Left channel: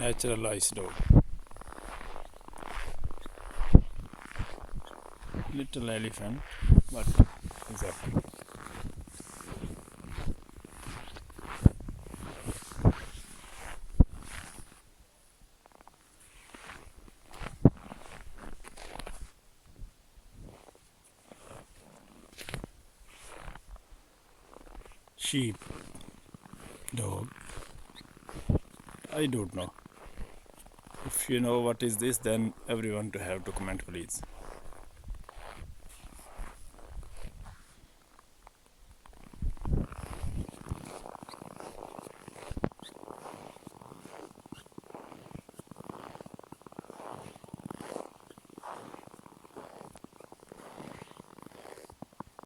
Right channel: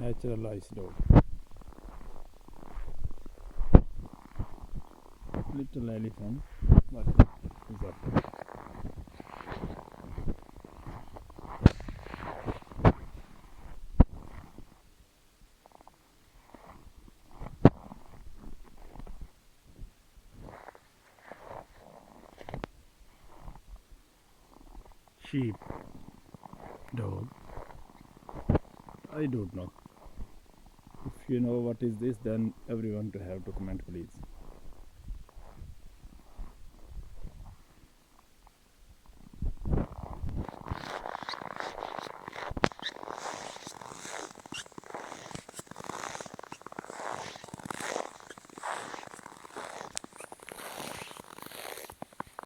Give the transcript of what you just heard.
naturalized dog. Little elephant, but is a sheep dog. I don't know. If you know what is this, then everyone to have to comment, please.